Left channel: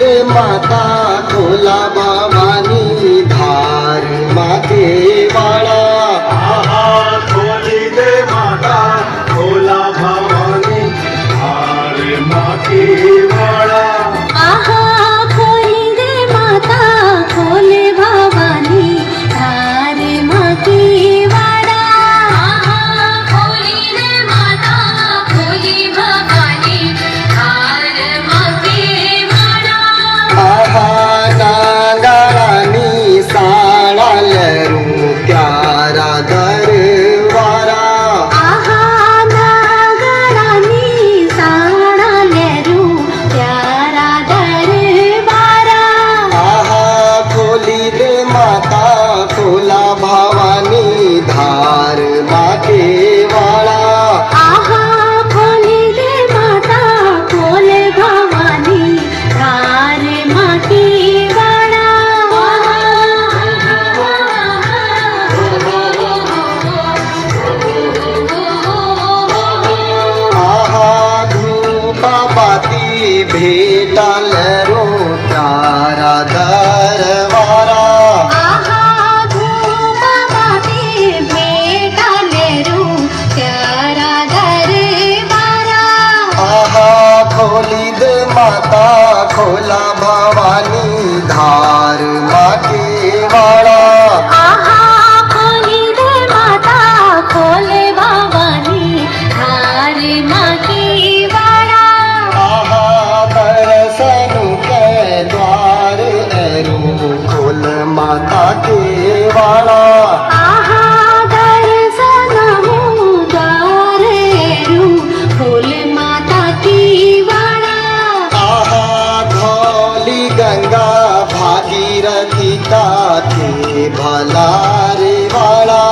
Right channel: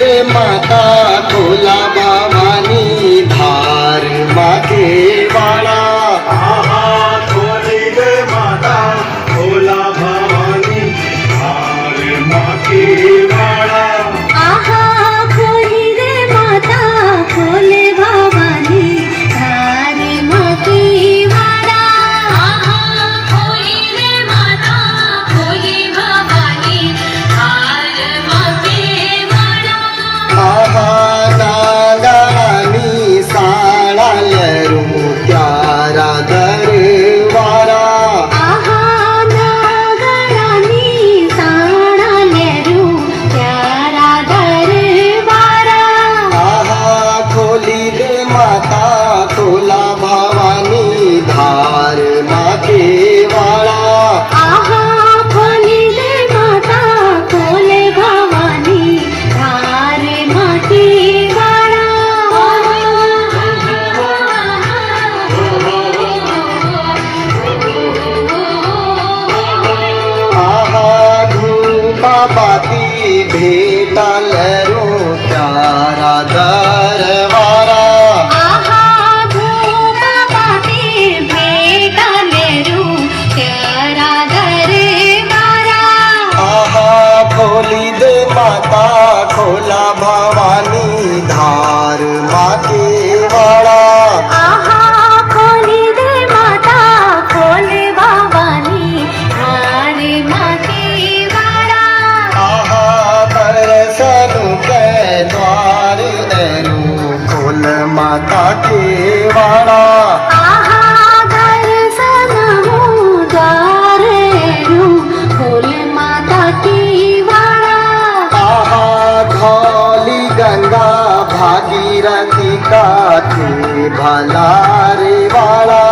रे माता खोला भवानी धार मागे वाळा। आहा खोली रे माता खोला भवानी धार मागे वाळा। आहा खोली रे माता खोले भवानी धार मागे वाळा। आहा खोली रे माता खोले भवानी धार मागे वाळा। आहा नागानी साळालरू त्यारा दरवारा। आहा नागरानी साळालरू त्यारा दरबारा। आहा खोली रे माता खोला भवानी धार मागे वाळा। आहा खोली रे माता खोले भवानी धार मागे वाळा। आहा धूपा बाती भेटालरू त्यारा दरवारा। आहा धूपबाती भेटालेरू त्यारा दरबारा। आहा खोली दे माता खोला भवानी धार मागे वाळा। आहा खोली रे माता खोले भवानी धार मागे वाळा। आहा दर्शन के द्वार दरू खोल माता के वाळा। आहा दर्शनहु द्वारेरू खोल माता की वाळा। आहा धौली गंगा भागीरथी का थे भला रे वाळा।